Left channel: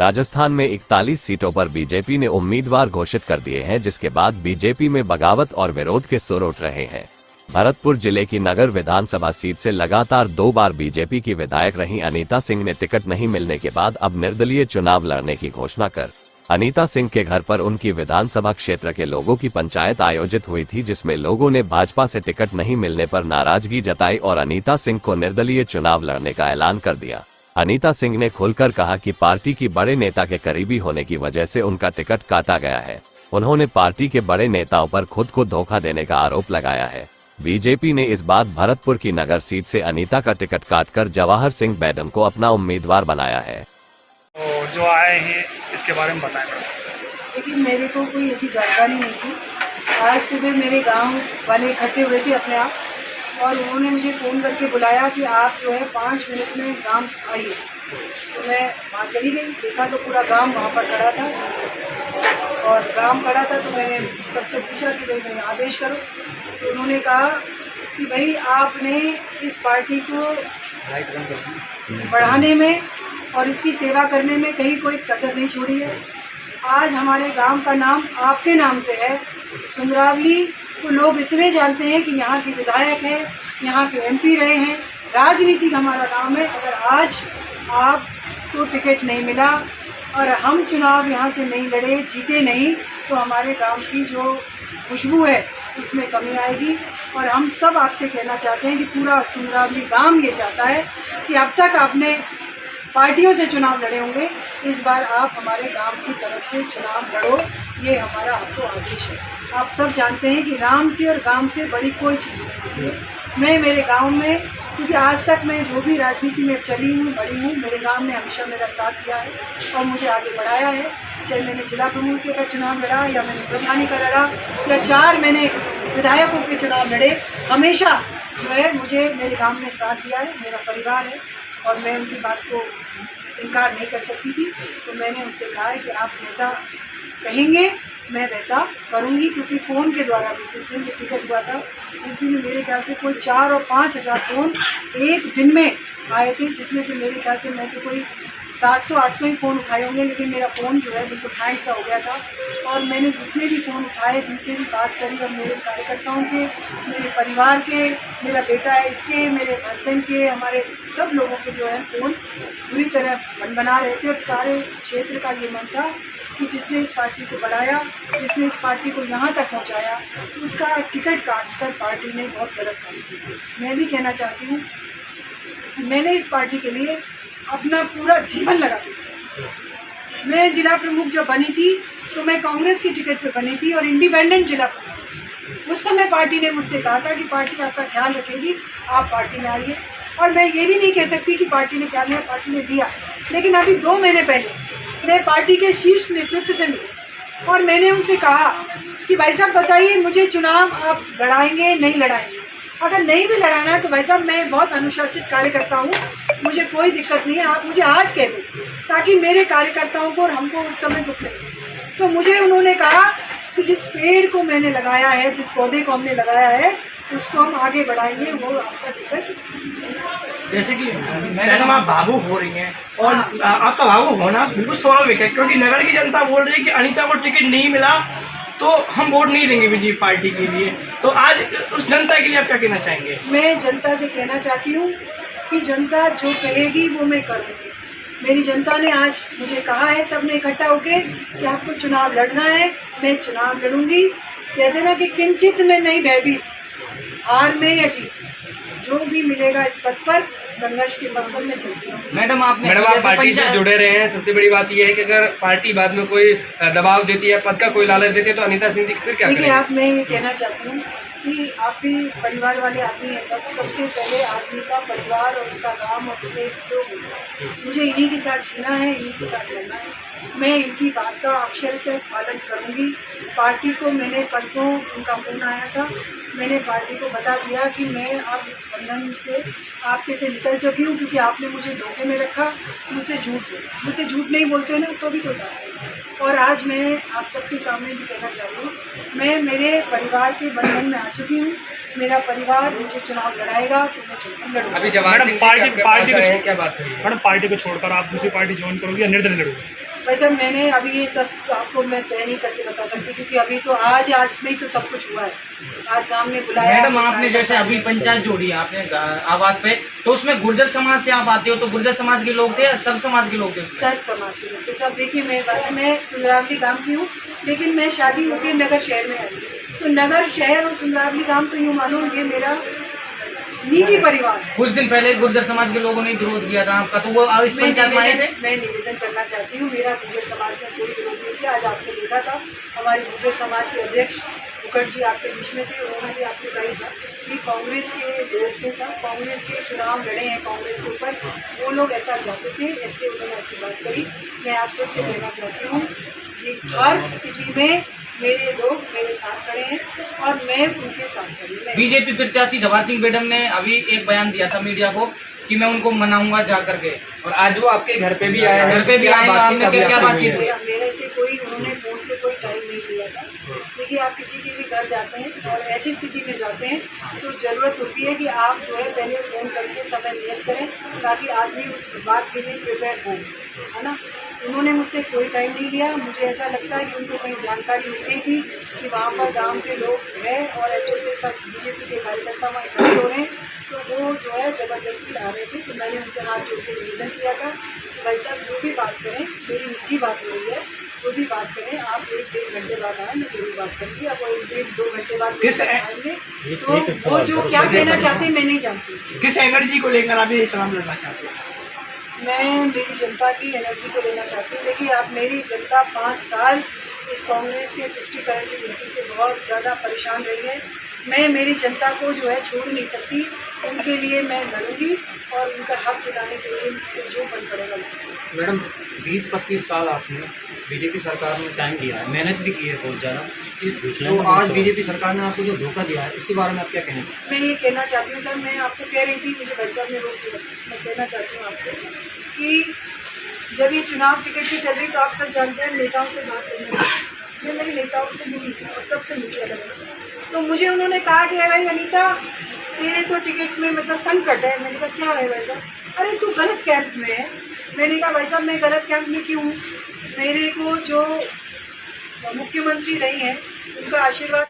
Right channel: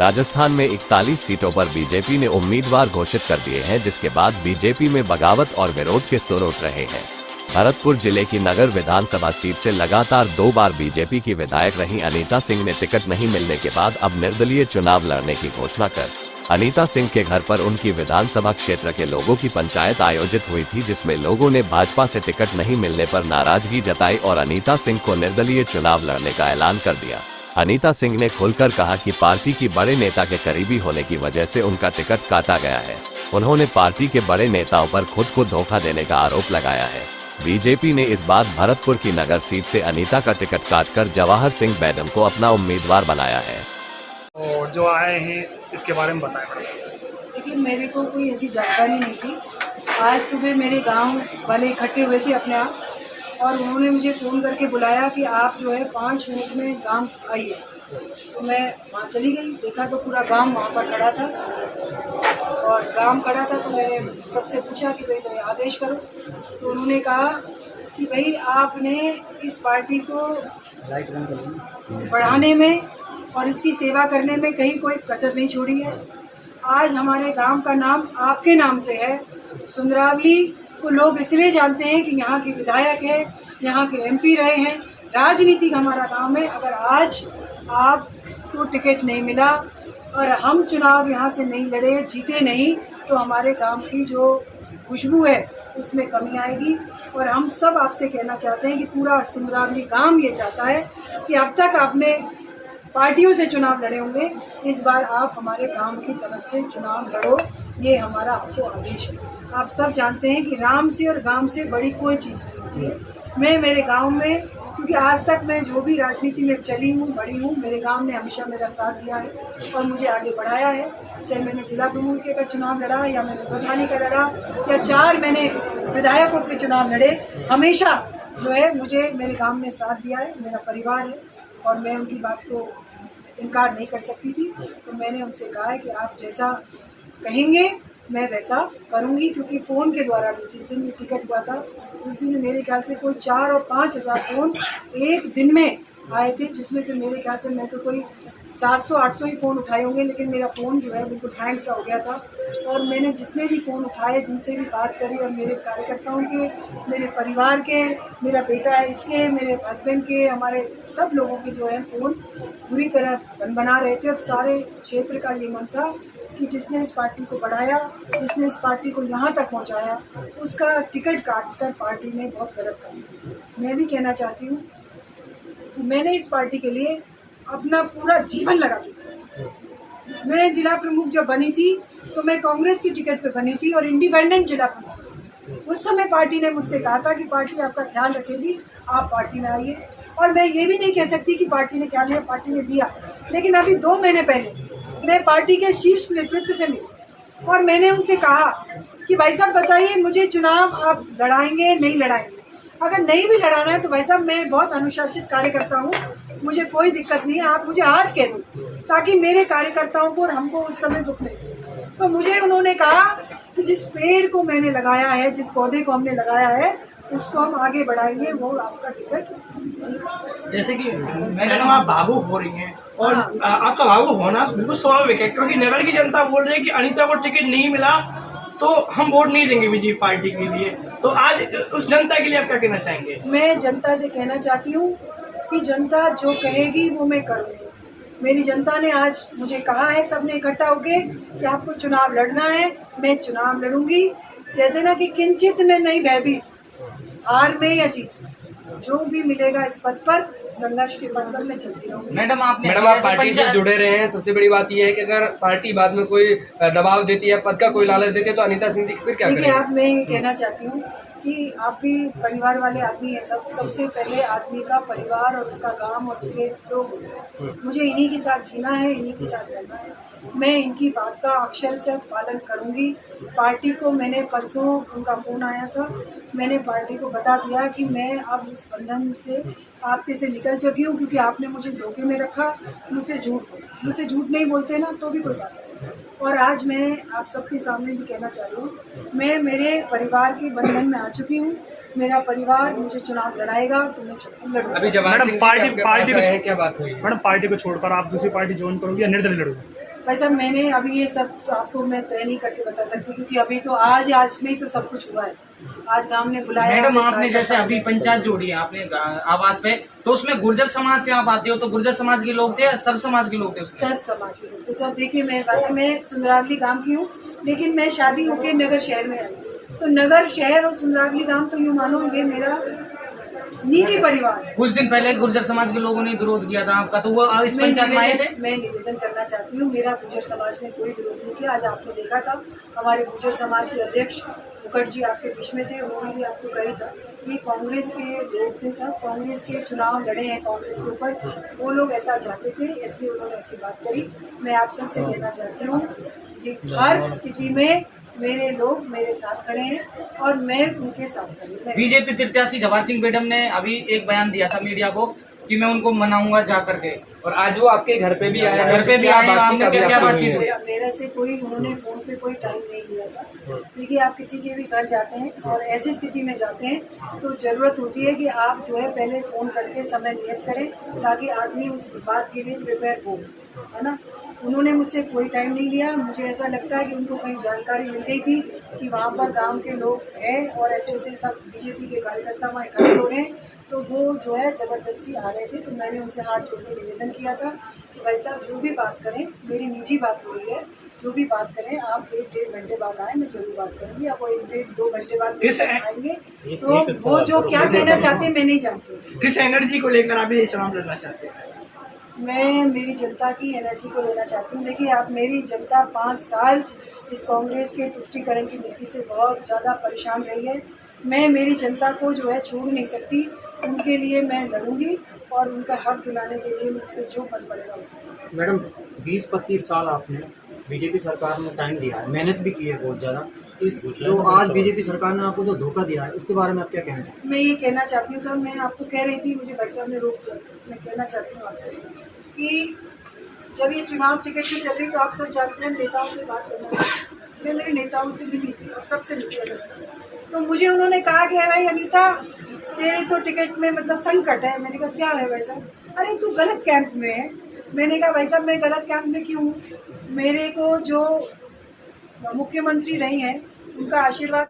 राजस्थान में 41 सीटों पर बीजेपी ने उम्मीदवार घोषित कर दिए हैं, जिसके बाद बीजेपी में बगावत और विरोध के सुर उठ रहे हैं। भरतपुर जिले की नगर विधानसभा सीट से लगातार 2 बार बीजेपी की विधायक रही अनीता सिंह ने टिकट नहीं मिलने के बाद अब निर्दलीय चुनाव लड़ने की घोषणा कर अनीता सिंह के घर पर उनकी विधानसभा क्षेत्र के लोगों की पंचायत आयोजित हुई थी, जिसमें लोगों ने भाजपा से टिकट नहीं मिलने पर नाराजगी जताई और अनीता सिंह को निर्दलीय चुनाव लड़ने का ऐलान कर दिया। अनीता सिंह ने खुलकर कहा कि पार्टी की बड़े नेता के करीबी होने की वजह से उनका टिकट काटा गया है। उन्होंने पार्टी के बड़े नेताओं पर खुद को धोखा देने का आरोप लगाया है। बीजेपी ने इस बार भरतपुर की नगर सीट से अनीता का टिकट काटकर जवाहर सिंह बैडम को अपना उम्मीदवार बनाया है। और जो आए हैं इसके बारे में बताएं। देखिए, मेरे को कोई ऐसी जानकारी नहीं थी। आज सुबह मेरे गांव वाले इकट्ठे हुए थे अपने आप, और उन्होंने मुझे फ़ोन करके बुलाया कि आप जो है 5 मिनट में गांव आइए। तो मैं वहाँ चली गई, देखा तो पूरा गांव वहाँ पर खड़ा था, और गांव खड़ा था तो मैंने सबसे पूछा कि भाई मेरे आदेश करो। तो उन्होंने कहा कि भाई आपने इस पार्टी को बढ़ाने में और इसकी सेवा करने में कहीं कोई कसर नहीं छोड़ी है। आज हमारे गांव का नाम आपके नाम से है। सुंदरावली को लोग इसलिए जानते हैं कि यहाँ के विधायक है, यहाँ के एमपी रहे हैं, राजनीतिक हमारा नाम है। अगर आज आपको टिकट नहीं मिला और हम चुनाव यहाँ से नहीं लड़े, जीते नहीं, तो हमारे गांव की जो खुशबू है उसमें कमी आएगी। और हम सब आपसे कहना चाहते हैं कि पूरा सुंदरावली गांव ये चाहता है कि अब तक आपने पार्टियों से चुनाव लड़े होंगे, इस बार आप हमारे गांव की तरफ से चुनाव लड़ो, ये हमारा आपको आदेश है। आप सब जानते हैं कि राम से और गांव से बड़ी कोई चीज़ नहीं है। मैं मेरे गांव में, क्योंकि आज तक मैं जो भी राजनीति में चली हूँ, बड़ी हूँ, मेरे गांव ने हमेशा मेरा साथ दिया है और मुझे आगे बढ़ाया है। चाहे मैंने जिला प्रमुख का चुनाव लड़ा, या मैंने प्रधानी का लड़ा, या 4 मैंने विधायकों के चुनाव लड़े, हमेशा जो है मुझे मेरे गाँव ने साथ दिया है। मेरा परिवार है और मैं उनकी बात को इनकार नहीं कर सकती थी। तो मैंने उनसे कहा है कि आप जैसा कहेंगे मैं वैसा करूंगी, क्योंकि फ़ोन के द्वारा भी जिस दिन ये टिकट हुआ था, इस दिन मेरे ख्याल से कोई 4 और 5 हज़ार फ़ोन एक दिन में आए थे, जिसमें से मेरे ख्याल से मैं तो कोई 700-800 ही फ़ोन उठाए होंगे, लेकिन मेरा फ़ोन जो है बिल्कुल हैंग सा हो गया था। और मैंने जितने भी फ़ोन उठाए, जिनसे भी बात करी, और मेरे कार्यकर्ताओं के, मेरे परिवार के, मेरा बेटा है इसके, मेरे हस्बैंड के, हमारे सब लोगों के जो है फ़ोन पूरी तरह बना रहे थे। और सारे क्षेत्र का ये मन था कि जिसने इस पार्टी को बढ़ाया, जिसने इस पार्टी को यहाँ तक पहुँचाया, उसका टिकट काट कर पार्टी ने बहुत गलत काम किया। मैं भी कहना चाहती हूँ कि मैंने इस पार्टी के लिए अपना पूरा जीवन लगा दिया। मैं जिला प्रमुख जब बनी थी तो मैं कांग्रेस की टिकट पे बनी थी और इंडिपेंडेंट जिला प्रमुख। उस समय पार्टी ने मुझसे कहा था कि पार्टी आपका ख्याल रखेगी, आप पार्टी में आइए। और मैं ये भी नहीं कह सकती कि पार्टी ने ख्याल लिया, पार्टी ने दिया। लेकिन अभी 2 महीने पहले मैं पार्टी के शीर्ष नेतृत्व से मिली और मैंने उनसे कहा कि भाई साहब बताइए, मुझे चुनाव आप लड़ाएंगे नहीं लड़ाएंगे? अगर नहीं भी लड़ाना है तो भाई साहब मैं बहुत अनुशासित कार्यकर्ता हूँ, मुझे कोई दिक्कत नहीं है, आप मुझे आज कह दें ताकि मेरे कार्यकर्ताओं को और हमको उस समय दुख नहीं। तो मुझे उन्होंने कहा कि जिस पेड़ को मैंने लगाया है, जिस पौधे को हमने लगाया है, उसको हम आगे बढ़ाएंगे, वो आपका टिकट। जैसे कि मैडम आप भावुक हो रही हैं, और आपका भावुक होना बिल्कुल स्वाभाविक है, क्योंकि नगर की जनता बोल रही है कि अनीता को टिकट नहीं मिला तो हम वोट नहीं देंगे बीजेपी पार्टी के लिए। तो आज उस जनता के लिए आप क्या कहना चाहेंगे? मैं जनता से कहना चाहती हूँ कि जनता जो कहेगी वो मैं करूँगी। मेरी जनता ने आज मुझे कहा है, सबने इकट्ठा होके, कि आपको चुनाव लड़ना है, मैं चुनाव लड़ूंगी। कहते ना कि किंचित में नहीं भयभीत, हार में या जीत, जो भी मिलेगा इस पद पर, संघर्ष के पद पर मैं चलती हूँ। मैडम आप पार्टी से जुड़े रहे हैं, सबसे बड़ी बात यह है कि अगर पार्टी बाद में कोई दबाव देती है, पद का कोई लालच देती है, तो अनीता सिंह जी फिर क्या करेंगे? आप, मैं ये कहना चाहती हूँ कि आप भी परिवार वाले आदमी हैं। सबसे पहले आदमी का परिवार और उसका काम और उसके लोग, मुझे इन्हीं के साथ जीना है, इन्हीं के साथ रहना है। मैं इनकी बात का अक्षर से पालन करूंगी। पार्टी को मैंने परसों, उनका फ़ोन आया था, मैंने पार्टी को बता दिया कि मैं अब उस बंधन से आपके से निकल चुकी हूँ, क्योंकि आपने मुझे धोखे में रखा, मुझसे झूठ नहीं बोलते ना तो भी कोई बात नहीं। और आज मैं आप सबके सामने भी कहना चाह रही हूँ, मैं मेरे परिवार के बंधन में आ चुकी हूँ। मेरा परिवार मुझे चुनाव लड़ाएगा तो मैं चुनाव लड़ूंगा। अभी मैडम पार्टी को छोड़कर आप दूसरी पार्टी ज्वाइन करोगे या निर्दलीय लड़ोगे? भाई साहब मैंने अभी ये सब तो आपको मैं तय नहीं करके बता सकती, क्योंकि अभी तो आज में ही तो सब कुछ हुआ है। आज गांव ने बुलाया। मैडम आपने जैसे अभी पंचायत जोड़ी है आपने आवास पे, तो उसमें गुर्जर समाज से आप आते हो, तो गुर्जर समाज के लोग थे या सब समाज के लोग थे? सब समाज के लोग थे। सब देखिए मैं सुंदरावली गांव की हूँ, लेकिन मैं शादी होकर नगर शहर में आई। तो नगर शहर और सुंदरावली गांव तो यूँ मानो ये मेरा निजी परिवार। कुछ दिन पहले गुर्जर समाज के लोगों ने विरोध किया था आपका, तो वो इस पंचायत में आए थे? मैं निवेदन करना चाहती हूँ, मेरा गुर्जर समाज ने कोई विरोध नहीं किया। आज आपने देखा था हमारे गुर्जर समाज के अध्यक्ष मुखर्जी आपके बीच में थे, उन्होंने भी आपको कही था कि कांग्रेस के लोग थे, सब कांग्रेस के चुनाव लड़े हैं कांग्रेस के ऊपर, वो लोग ऐसा चाहते थे, इसलिए उन्होंने ऐसी बात करी। मैं आप सबसे कहना चाहती हूँ कि हर स्थिति में मेरे लोग मेरे साथ खड़े हैं और मैं उनके साथ खड़ी हूँ। बीजेपी प्रत्याशी जवाहर सिंह बेडम ने अभी एक बयान दिया था मीडिया को कि मैं उनको मनाऊंगा जा करके, और आज वो आपके घर पे भी आए हैं, घर पे भी आए हैं, क्या बातचीत हुई? मेरे से कोई उन्होंने फ़ोन पे कोई टाइम नहीं लिया था। देखिए आप किसी के भी घर जाते हैं और ऐसी स्थिति में जाते हैं तो ज़रूरत होती है कि आप जो है पहले फ़ोन करके समय नियत करें, ताकि आदमी उस बात के लिए प्रिपेयर हो, है ना। उन्होंने मुझसे कोई टाइम नहीं लिया। मुझे ऐसा लगता है कि उनको कहीं जानकारी मिल गई थी कि वहाँ पर गांव के लोग हैं और ऐसे ऐसे सब बीजेपी के कार्यकर्ता वहाँ इकट्ठे हो रहे हैं, तो वो जो है ज़बरदस्ती आ रहे थे। तो मैंने उनसे हाथ जोड़ के निवेदन किया था कि भाई साहब जो भी बात करें, मेरी निजी बात हो रही है, जो भी बात करें आप 1-1.5 घंटे बाद आए, मैं जरूर बात करूँगी। आप 1-2 घंटे बाद आएंगे तो वो जो क्या कहना चाहते हैं मैं नहीं जानती। किस एनर्जी को लेकर आप ये चुनाव लड़ना चाहते हैं? मैं मेरी जनता की एनर्जी को लेना चाहती हूँ। देखिए आप मेरी जनता 5 साल इस कांग्रेस के तुष्टीकरण की नीति से बहुत ज़्यादा परेशान रही है। मैं मेरी जनता को जो है छोड़ नहीं सकती, उनके लिए मैं लड़ूंगी और उनका हक दिलाने के लिए मुझसे जो बन पड़ेगा। मैडम 20-25 साल आपने बीजेपी सरकार में टाइम दिया है, मेहनत भी की है बहुत ज़्यादा। इस जो आज बीजेपी सरकार ने आपको जो धोखा दिया है, इसके बारे में आप क्या कहना चाहते हैं? मैं ये कहना चाहती हूँ सर, मैं आपको कह रही थी, मुझे भाई साहब ने रोक दिया। मैं कहना चाहती हूँ आपसे कि जब ये चुनाव टिकट की चल रही तो आप सब जानते हैं नेताओं से बात करना चाहिए। मैं मेरी नेताओं से मिली और सबसे मिली अगर तो मुझे उन्होंने कहा कि भाई अनीता तेरे तो टिकट में मतलब संकट है। मैंने कहा क्या है वैसा? अरे तू गलत कैंप में है। मैंने कहा भाई साहब मैं गलत कैंप में क्यों हूँ? मेरे को जो मुख्यमंत्री रही हैं उनका आशीर्वाद